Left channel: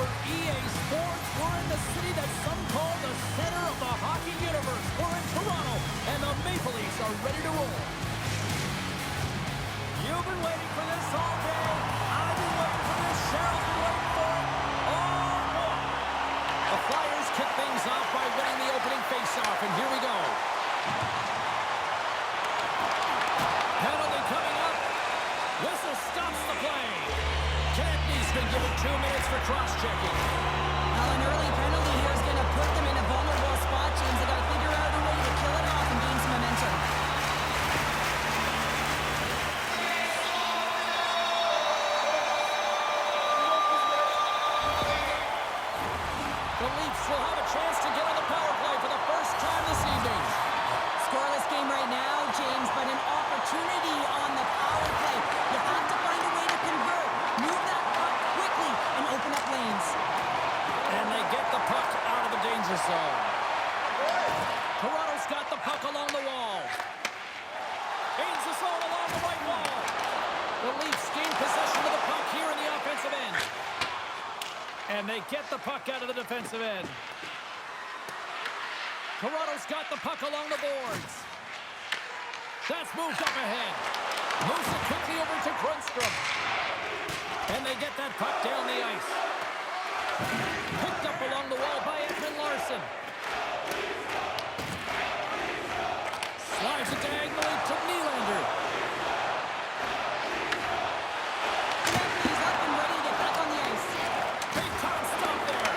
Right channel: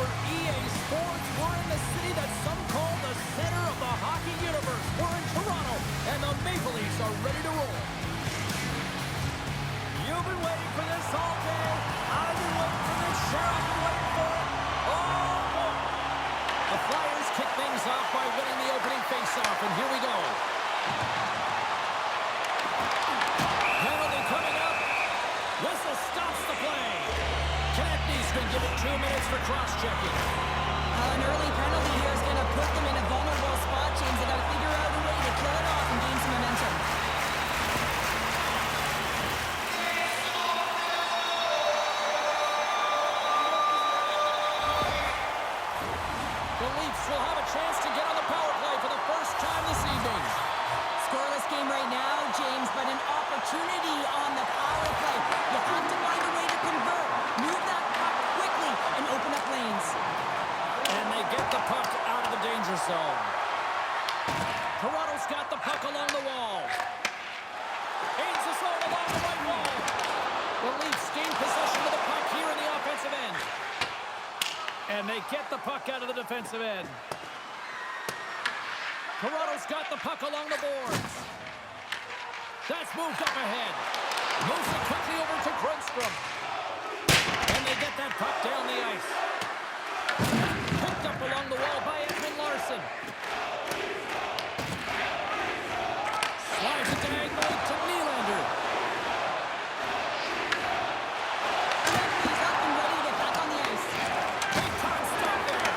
for EA Sports. We're in the city that some call the center of the hockey universe. We're in Toronto, and the Maple Leafs are ready to roll. You've been waiting for this all day. I've been waiting for this. Cheryl's been waiting for it. Oh, boy. The Flyers kick things off by winning the opening faceoff, and here we go. Penalty coming up. Whistle stops the play. Konechny's been given 2 minutes for cross-checking. Well, an early penalty here is going to put them in a vulnerable spot, James. They got to figure out a way to kill it off and gain some momentum. The Leafs will have a chance to get on the power play for the first time this evening. Scoreless game right now, James, but an opportunity on the power play. You have to find a way to convert. Move that puck quickly and open up lanes. And they get the puck out of the danger zone. Toronto's got the puck along the wall. Gains the zone along the right wall. The Leafs gain possession of the puck here in the offensive end. And they get the puck out of the defensive end. Toronto's got the puck along the boards. That's moved up ahead. Moves it quickly over to Grundstrom. And they get that puck down the ice. Picked up along the wall by Edmund Larson. Slides it diagonally to Nylander. He's up and ready to get back on the ice. Big time stop there.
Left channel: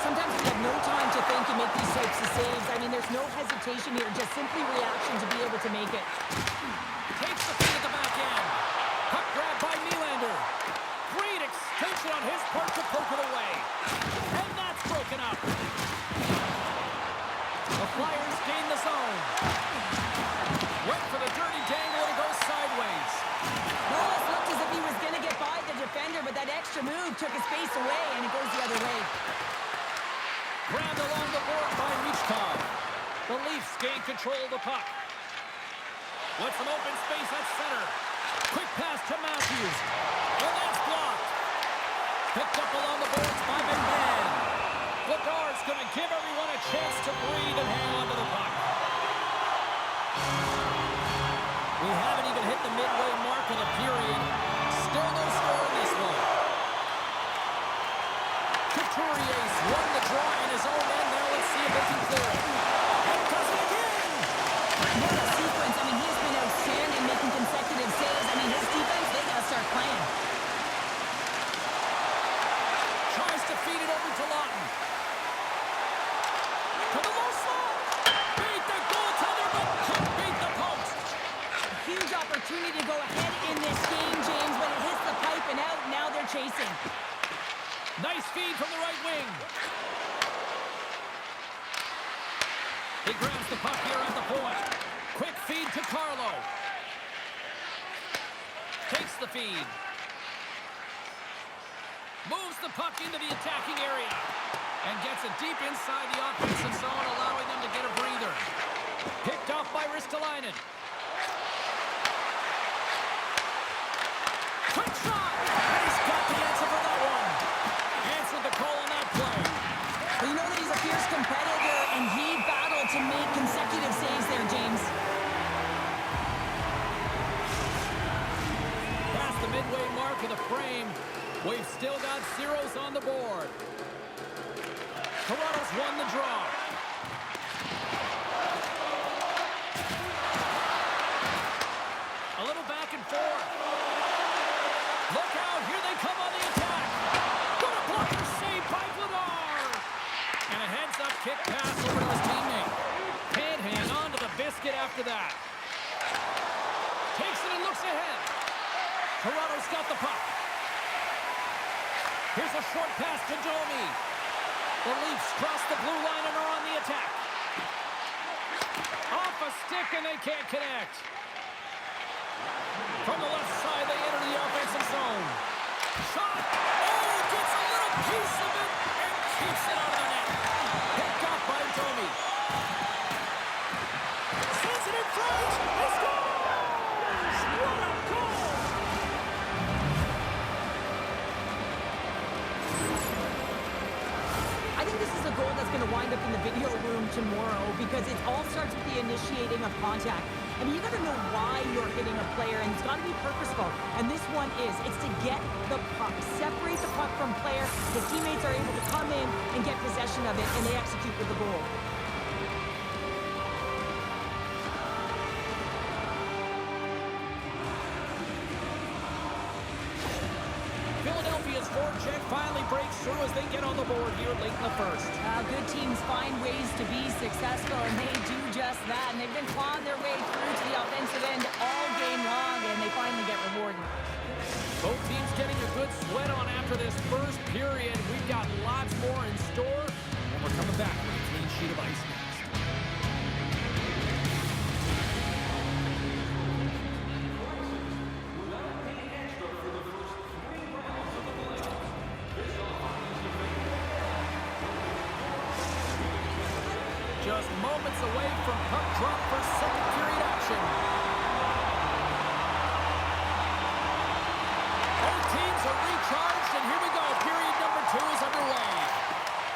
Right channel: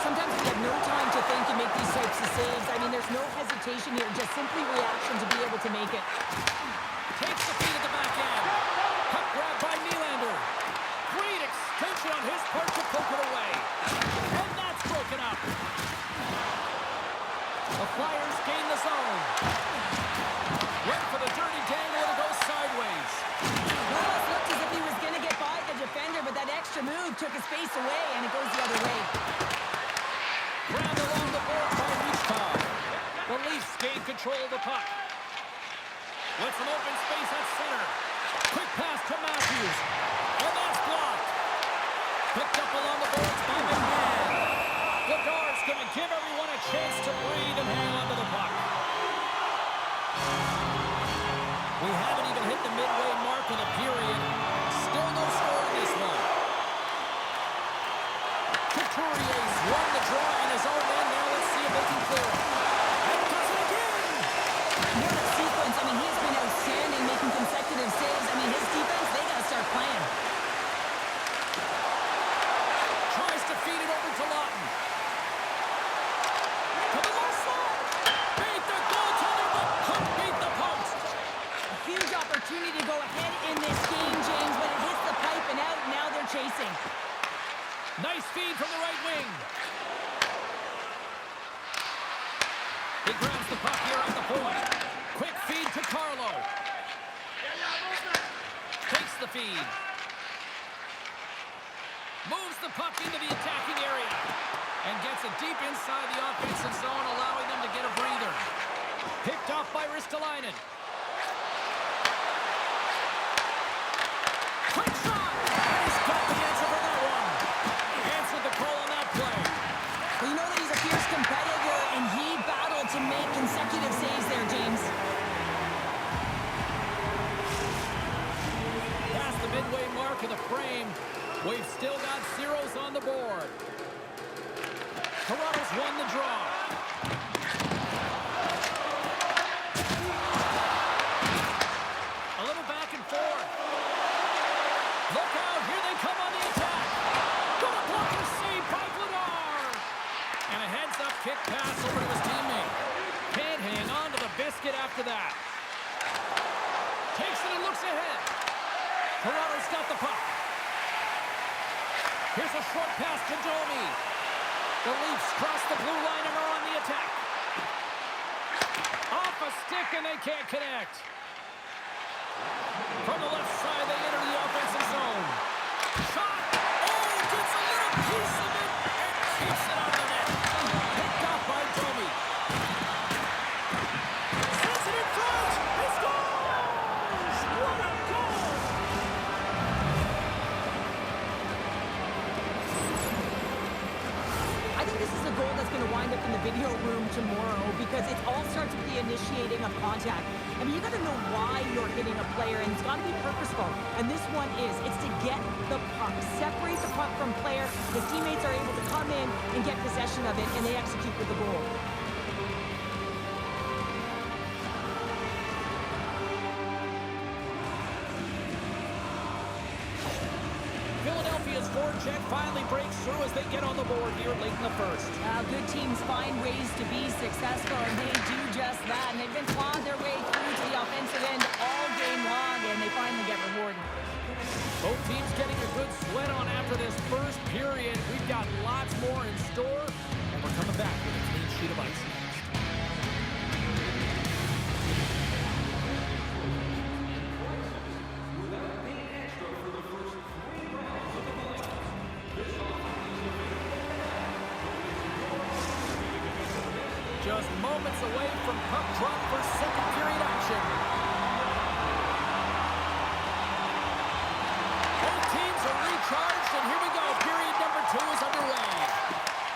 Sometimes we have no time to think and make these types of saves. I mean, there's no hesitation here, just simply reaction to be able to make it. Takes the feed at the back end. Puck grab by Nylander. Great extension on his part to poke it away. And that's broken up. The Flyers gain the zone. Went for the dirty dangle and it goes sideways. Nolas looked as if he was going to get by the defender, but that extra move took his space away, and it goes the other way. Grabbed along the board by Reichstag. The Leafs gain control of the puck. With some open space at center. Quick pass to Matthews. And that's blocked. Picked up along the boards by McMahon. Vladar's going to give everyone a chance to breathe and hang on to the puck. We haven't even hit the midway mark of the period. Still no score in this one. Couturier's won the draw in his own end. Now let's see if they can clear it. And does it again! What a sequence. I mean, he has been outstanding making consecutive saves. I mean, his defense, they got to start playing. Tries to feed it over to Lawton. To the low slot. Beat the goaltender, but couldn't beat the post. A huge opportunity to go ahead in this game, James, but it hits the pipe and out. Now they're chasing. Nice feed from the right wing. He grabs the puck here at the point. Quick feed to Carlo. Takes the feed. Moves the puck into the attacking area. And gets it deep inside the offensive zone, allowing them to get a breather. Picked off by Ristolainen. Quick shot! And he's got the answer for that one. Answered the call on that play. Well, you know that he's a fierce competitor, and he battled to make consecutive saves there, James. Past the midway mark of the frame, we've still got zeros on the board. Toronto's won the draw. A little back and forth. Look out, here they come on the attack. What a blocker save by Vladar. And a heads-up kick pass over to his teammate. Can't hang on to the biscuit after that. Takes it and looks ahead. Toronto's got the puck. Here's a short pass to Domi. The Leafs cross the blue line and are on the attack. Off a stick and they can't connect. From the left side, they enter the offensive zone. Shot! Oh, gets a little piece of it and keeps it out of the net. Picked off by Domi. Sends it in front. He scores! What a goal! is a goal that's going to wind up in the video room tomorrow because it all starts with the initiating of contact. I mean, you got to know why you're hitting a player, and it's got to be purposeful. And this one is. It's to get the puck, separate the puck from player. His teammates are able to come in and get possession of it, and they execute with the goal. Philadelphia's forecheck finally breaks through as they get on the board here late in the first. Good teams find ways to be successful, and they do just that. And they've been clawing their way through to the offensive end all game long, and they finally get rewarded. Both teams getting a good sweat on after this first period. We've got lots more in store, and we're coming back with a clean sheet of ice next. Just moments away from puck drop for second period action. Both teams are recharged, and here we go. Period number 2 is underway.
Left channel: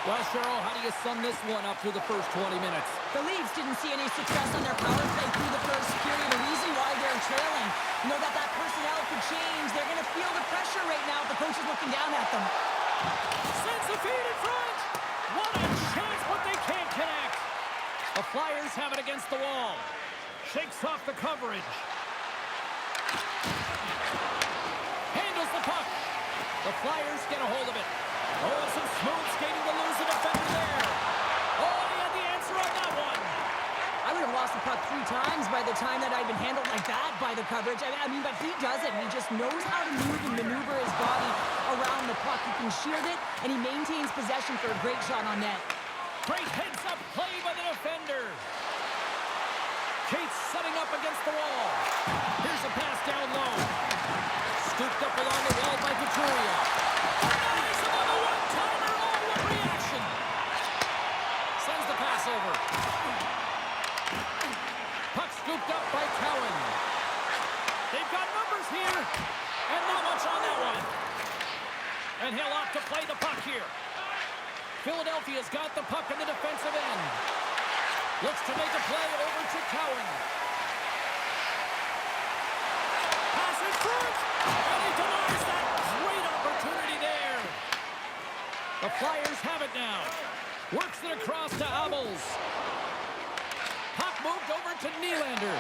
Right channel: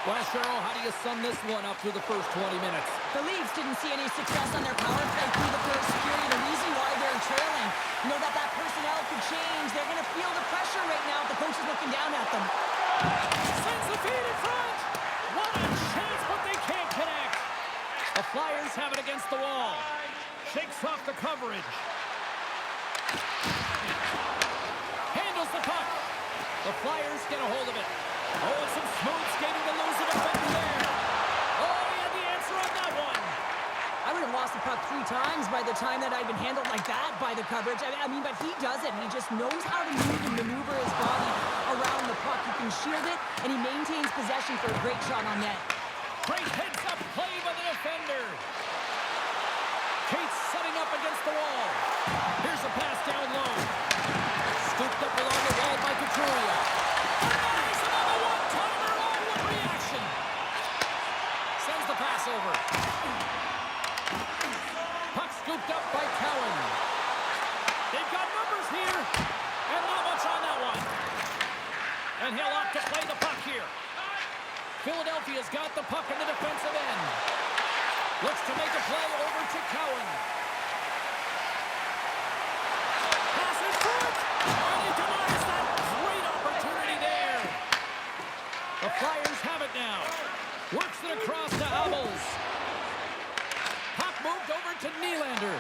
Well, Cheryl, how do you sum this one up through the first 20 minutes? The Leafs didn't see any success on their power play through the first period. The reason why they're trailing, you know that personnel could change. They're going to feel the pressure right now. The coach is looking down at them. Sends the feed in front. What a chance, but they can't connect. The Flyers have it against the wall. Shakes off the coverage. Handles the puck. The Flyers get a hold of it. Oh, and some smooth skating to lose the defender there. Oh, and he had the answer on that one. I would have lost the puck 3 times by the time that I'd been handled like that by the coverage. I mean, but he does it. He just knows how to move and maneuver his body around the puck. He can shield it, and he maintains possession for a great shot on net. Great heads-up play by the defender. Cates setting up against the wall. Here's a pass down low. Scooped up along the wall by Couturier. Denies him on the one-timer. Oh, what reaction. Sends the pass over. Puck scooped up by Cowan. They've got numbers here, and not much on that one. And he'll opt to play the puck here. Philadelphia's got the puck in the defensive end. Looks to make a play over to Cowan. Pass in front, and he denies that great opportunity there. The Flyers have it now. Works it across to Abels. Puck moved over to Nylander.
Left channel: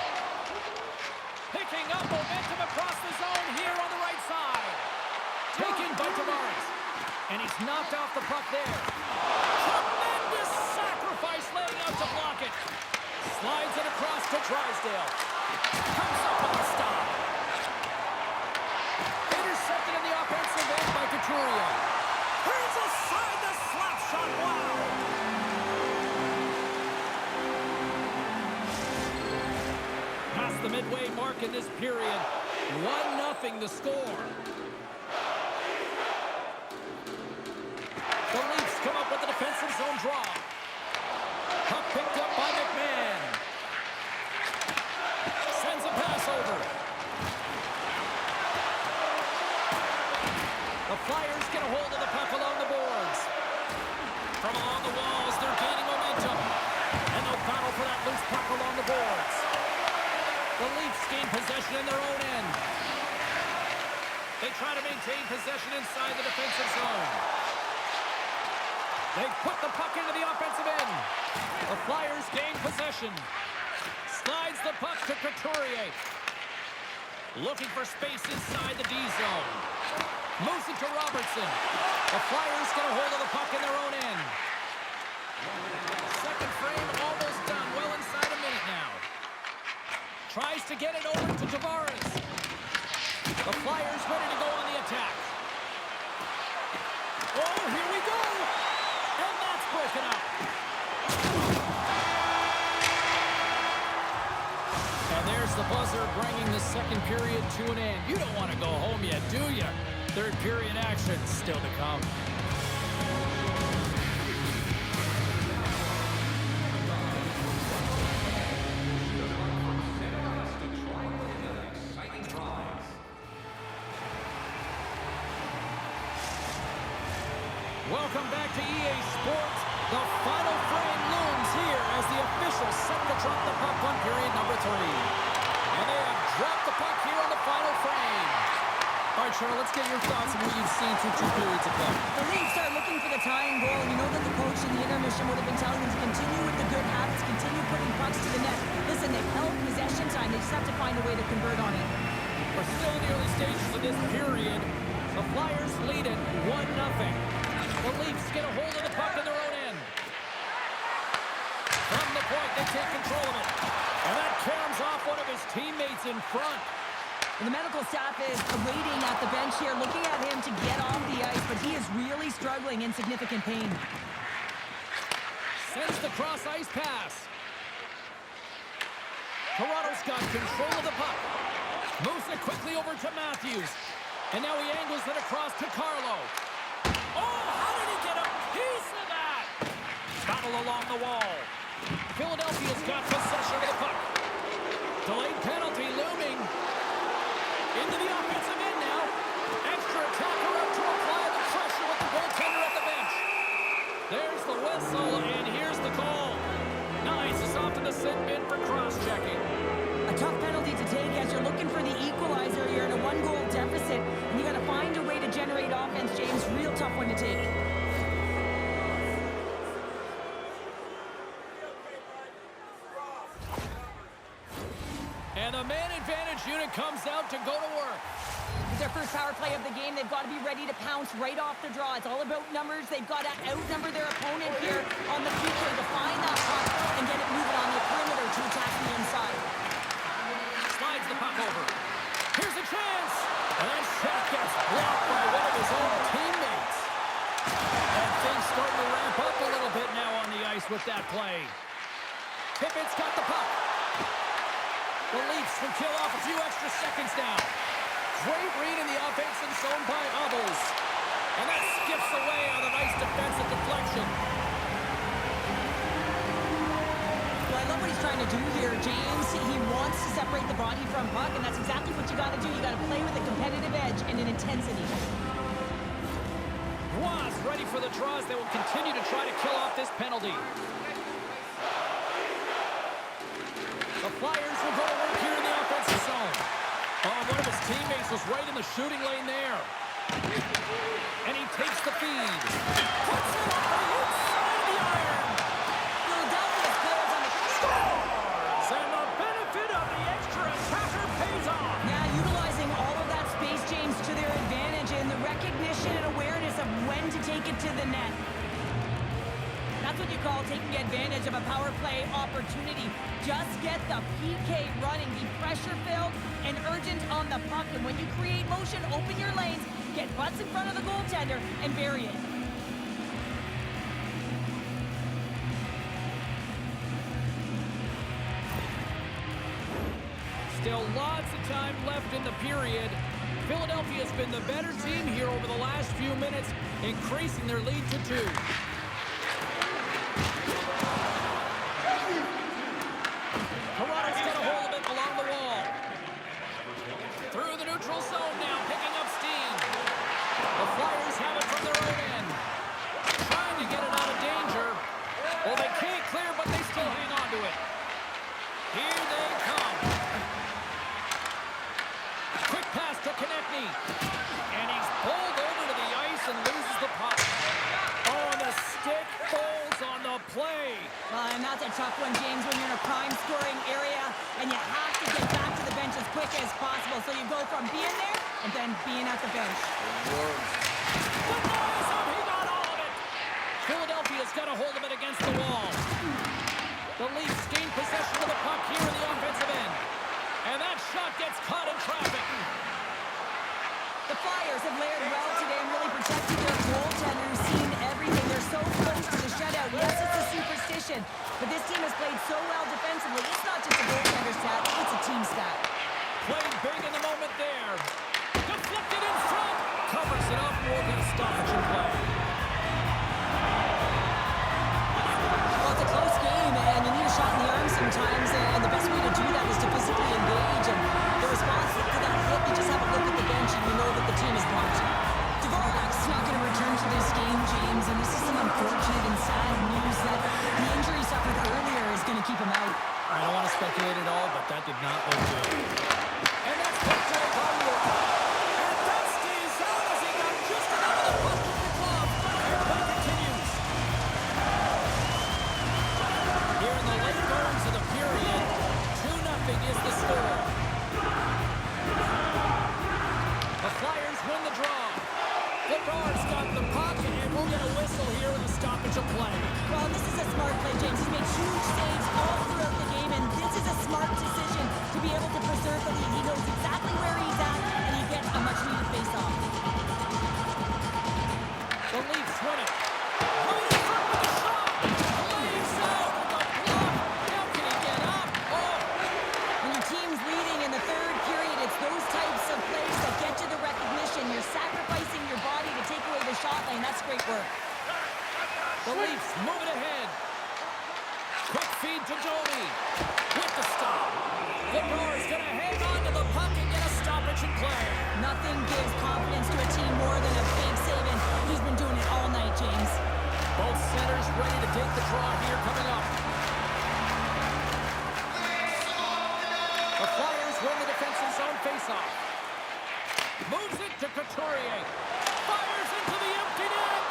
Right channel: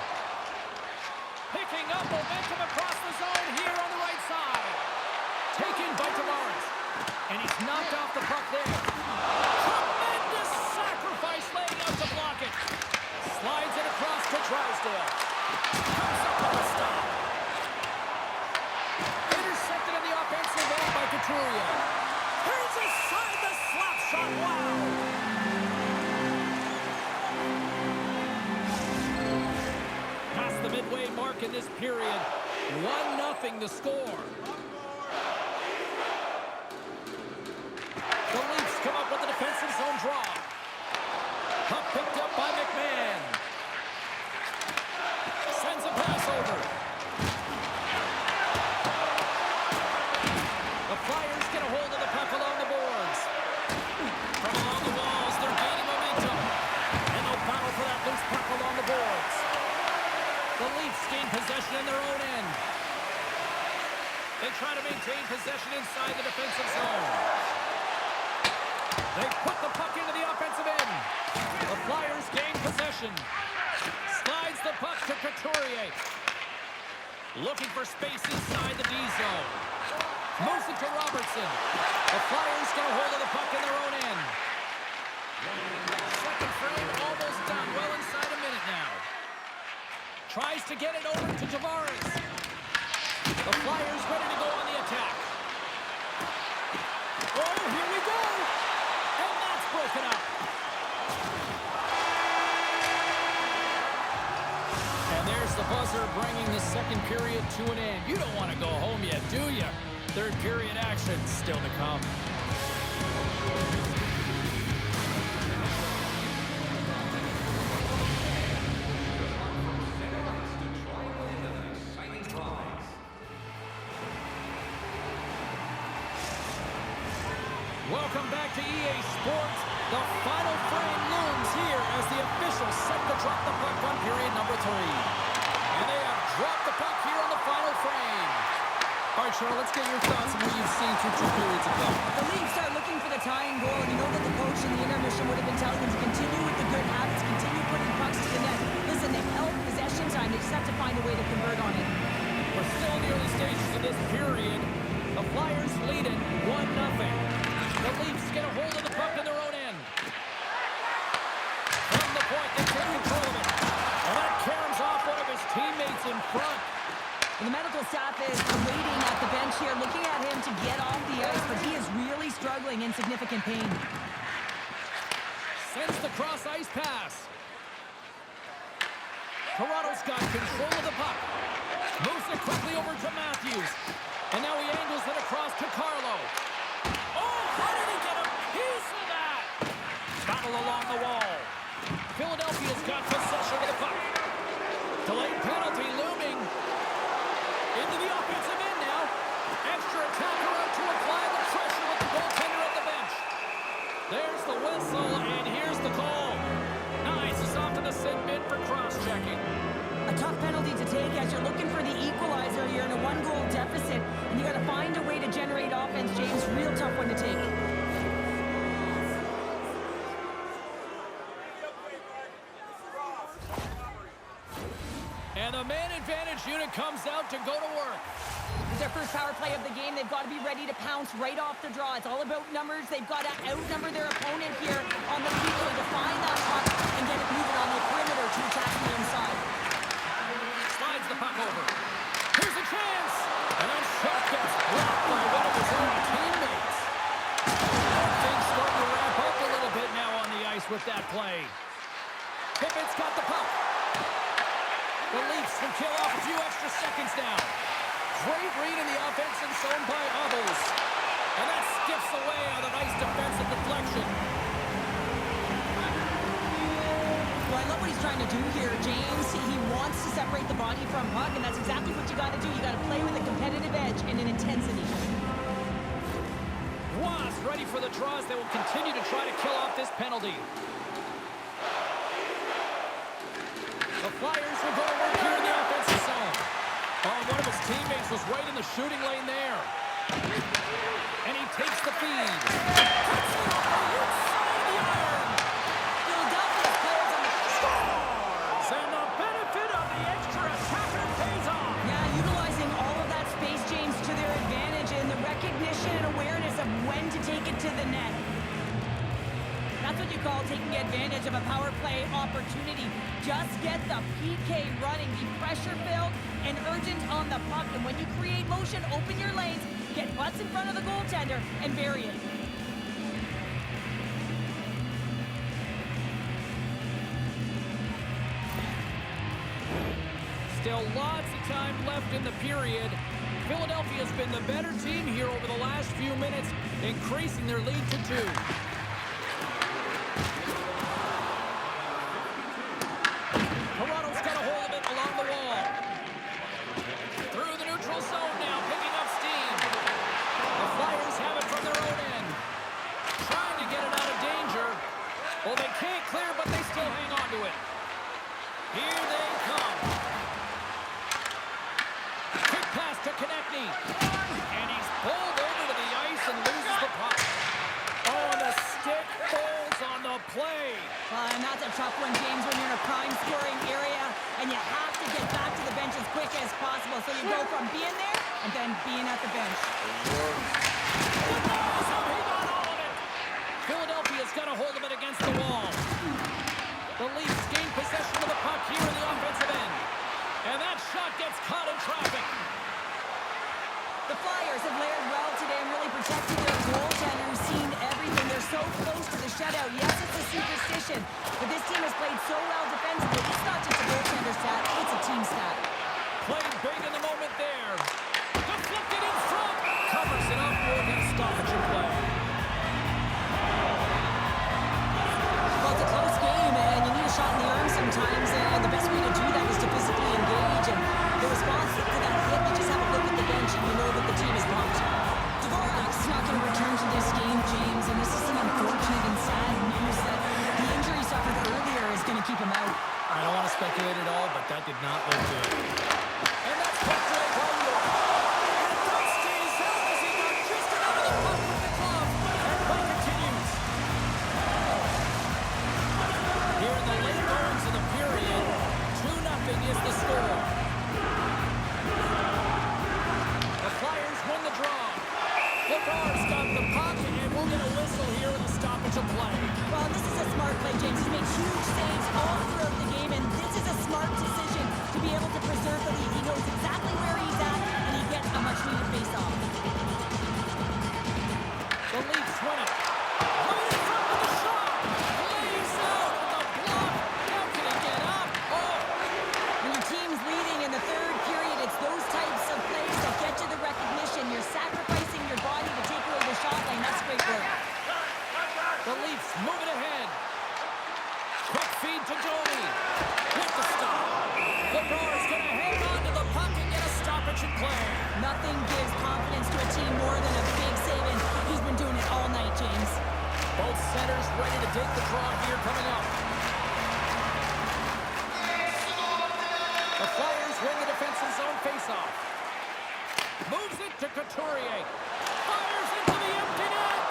Picking up momentum across the zone here on the right side. Taken by Tavares. And he's knocked off the puck there. Tremendous sacrifice laying out to block it. Slides it across to Drysdale. Comes up on the stop. Intercepted in the offensive end by Couturier. Turns aside the slap shot. Wow. Past the midway mark in this period. 1-0 the score. The Leafs come up with a defensive zone draw. Puck picked up by McMahon. Sends a pass over. The Flyers get a hold of the puck along the boards. From along the walls, they're gaining momentum. And they'll battle for that loose puck along the boards. The Leafs gain possession in their own end. They try to maintain possession inside the defensive zone. They put the puck into the offensive end. The Flyers gain possession. Slides the puck to Couturier. Looking for space inside the D zone. Moves it to Robertson. The Flyers get a hold of the puck in their own end. Second frame almost done. Well inside a minute now. Tries to get it over to Tavares. The Flyers ready to go on the attack. Oh, here we go. And that's broken up. And there's the buzzer bringing the second period to an end. You don't want to go home yet, do you? Third period action still to come. Welcome Welcome back to EA Sports. The final frame looms here as the officials set to drop the puck on period number 3. And they have dropped the puck here on the final frame. All right, Cheryl, let's get your thoughts on what you've seen through 2 periods of play. The Leafs are looking for the tying goal, and you know that the coach in the intermission would have been telling them to continue with the good habits, continue putting pucks to the net. Listen, they've held possession time. They just have to find a way to convert on it. We're still in the early stages of this period. The Flyers lead it 1-0. The Leafs get a hold of the puck in their own end. From the point, they take control of it. And that caroms off one of his teammates in front. And the medical staff is waiting at the bench here, looking at him to get off the ice, but he is really struggling in significant pain. Sends the cross-ice pass. Toronto's got control of the puck. Moves it quickly over to Matthews. And now he angles it across to Carlo. Oh, how did he get a piece of that? Battle along the wall. Philadelphia's got possession of the puck. Delayed penalty looming. Into the offensive end now. Extra attacker out to apply the pressure with the goaltender at the bench. There's the whistle, and here's the call. Nice. It's off to the sit bin for cross-checking. A tough penalty to take as you're looking for the equalizer. You're in a 1-goal deficit, and you got to find a way to generate offense, James. Real tough one to take. And the man advantage unit comes out to go to work. It's their first power play of the game. They've got to be ready to pounce right off the draw. It's all about numbers. They've got to outnumber their opponent here on the PK to find that puck and get it moving on the perimeter to attack the inside. Slides the puck over. Here's a chance. And that shot gets blocked by one of his own teammates. And things starting to ramp up a little bit now on the ice with that play. Pippett's got the puck. The Leafs can kill off a few extra seconds now. Great read in the offensive zone by Hubbles. And that skips away on a nice defensive deflection. Well, I love what he's trying to do here, James. He wants to separate the body from puck, and that's exactly what you got to do. You got to play with a competitive edge and an intensity. Roy ready for the draws. They will continue to try to kill off this penalty. The Flyers will go to work here in the offensive zone. Oh, one of his teammates was right in the shooting lane there. And he takes the feed. Puts it off the inside of the iron. Philadelphia's players on the scores! And the benefit of the extra attacker pays off. Yeah, utilizing all of that space, James, to their advantage and the recognition and awareness of when to take it to the net. That's what you call taking advantage of a power play opportunity. Just get the PK running, be pressure-filled and urgent on the puck. And when you create motion, open your lanes, get butts in front of the goaltender, and bury it. Still lots of time left in the period. Philadelphia's been the better team here over the last few minutes, increasing their lead to 2. Toronto's got a hold of it along the wall. Through the neutral zone now, picking up steam. The Flyers have it from their own end. Trying to get it out of danger. Well, they can't clear, but they still hang on to it. Here they come. Quick pass to Konechny. And he's pulled over to the ice and loses the puck. Oh, and the stick folds on the play. And that's a tough one, James, when you're in a prime scoring area and you have to get back to the bench as quick as possible. So you go from being there and then being at the bench. The noise of he got all of it. Philadelphia's got a hold of it against the wall. The Leafs gain possession of the puck here in the offensive end. And that shot gets caught in traffic. The Flyers have layered well today and really protected their goaltender, who's seen everything. They're so close to the shutout. Yes, it's a superstition, but this team has played so well defensively. It's not just a goaltender stat, it's a team stat. Played big in the moment there. Deflected in front. Covers it up. We'll get a stoppage in play. Well, it's a close game, and you need a shot in the arm sometimes, and the best way to do that is to physically engage. And the response to that hit, you just have a look at the bench, and you know that the team is pumped. Dvorak's not going to return to this game, James, and this him out. I don't want to speculate at all, but that did not look good. And that's poked away by York. And that stays out as he got just enough of the puck with the glove. And play continues. Here in the late goings of the period, 2-0 is the score. The Flyers win the draw. Lebar's got the puck, and we'll get a whistle here in the stoppage of play. Well, this is a smart play, James. He's made huge saves all throughout the game, and this is a smart decision to be able to preserve the lead. He knows exactly where he's at, and he gets a much-needed face-off. The Leafs win it. Right in front with the shot. Lays out with the block. How can he get up? Oh! When your team's leading in the third period, it's those types of plays that get you the recognition. You're sacrificing your body to take away the shot lane. That's great work. The Leafs move it ahead. Quick feed to Domi. With the stop. Lebar's going to hang on to the puck and get a stoppage in play. Nothing gives confidence to a team more than a big save, and he's been doing it all night, James. Both centers ready to take the draw here coming up. The Flyers win the defensive zone faceoff. Moves it to Couturier. Fires into the empty net.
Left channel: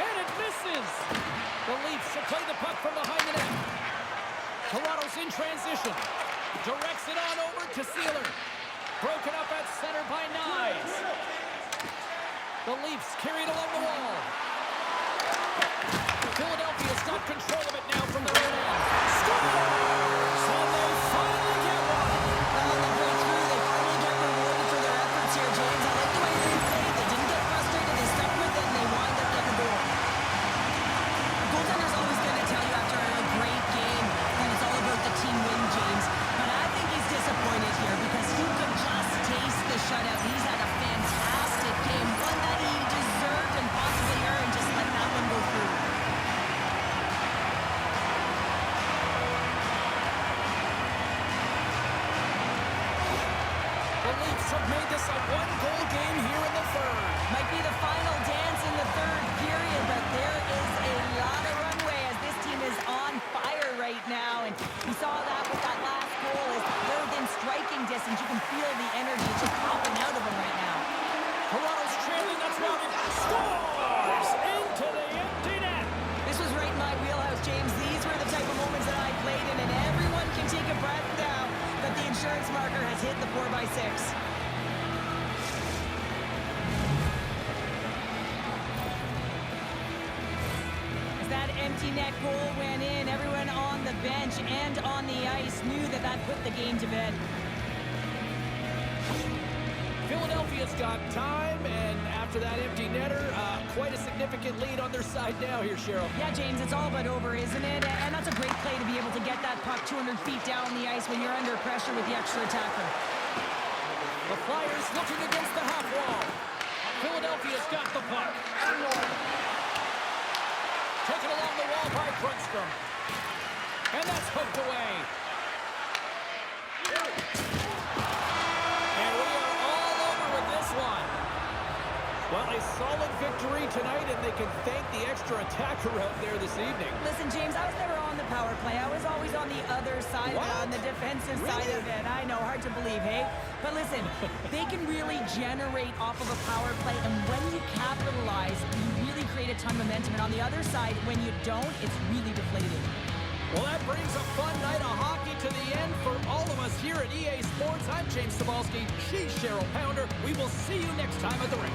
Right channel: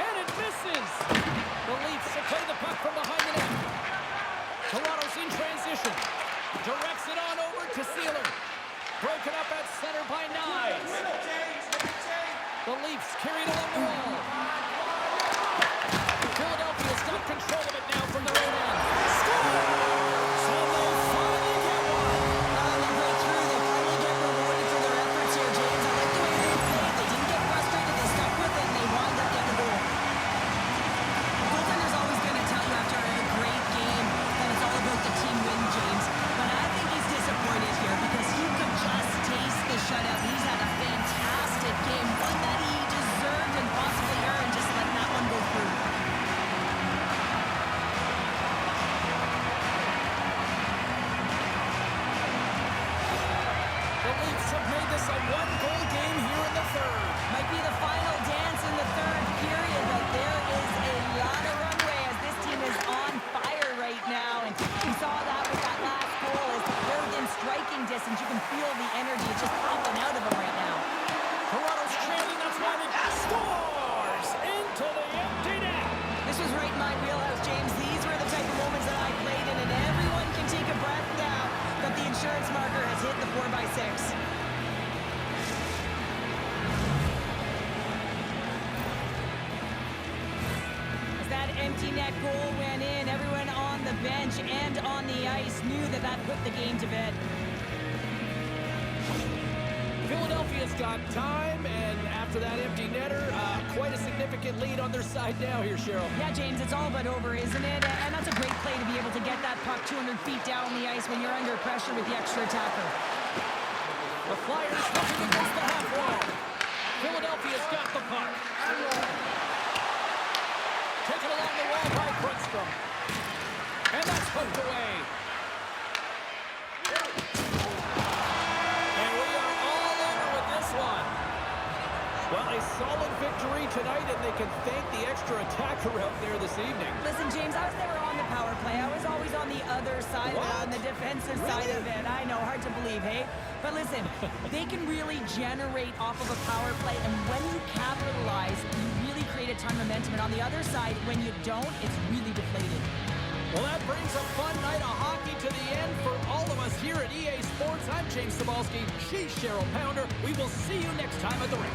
And it misses. The Leafs will play the puck from behind the net. Toronto's in transition. Directs it on over to Sealer. Broken up at center by Knies. The Leafs carry it along the wall. Philadelphia's got control of it now from their own end. Scores! And they finally get one. They break through. They finally get rewarded for their efforts here, James. I like the way they played. They didn't get frustrated. They stuck with it, and they wind up getting a goal. The goaltender's always going to tell you after a great game that it's all about the team win, James. But I think he's disappointed here because he could just taste the shutout. He's had a fantastic game, one that he deserved and possibly earned, just letting that one go through. The Leafs have made this a one-goal game here in the third. Might be the final dance in the third period, but there is a lot of runway as this team is on fire right now. And we saw that with that last goal as they're within striking distance. You can feel the energy. It's just popping out of them right now. Toronto's trailing. That's why it scores into the empty net. This was right in my wheelhouse, James. These were the type of moments that I played in, and everyone can take a breath now that the insurance marker has hit the 4x6. As that empty net goal went in, everyone on the bench and on the ice knew that that put the game to bed. Philadelphia's got time, and after that empty netter, quite a significant lead on their side now here, Cheryl. Yeah, James, it's all but over, isn't it? And that's a great play to be able to get that puck 200 feet down the ice when you're under pressure with the extra attacker. The Flyers looking against the half wall. Philadelphia's got the puck. Taken along the wall by Grundstrom. And that's hooked away. And we are all over with this one. Well, a solid victory tonight, and they can thank the extra attacker out there this evening. Listen, James, I was never on the power play. I was always on the other side of it, on the defensive side of it. I know, hard to believe, hey? But listen, they can really generate off of a power play, and when you capitalize, you really create a ton of momentum. And on the other side, when you don't, it's really deflated. Well, that brings a fun night of hockey to the end for all of us here at EA Sports. I'm James Cebulski. She's Cheryl Pounder. We will see you next time at the rink.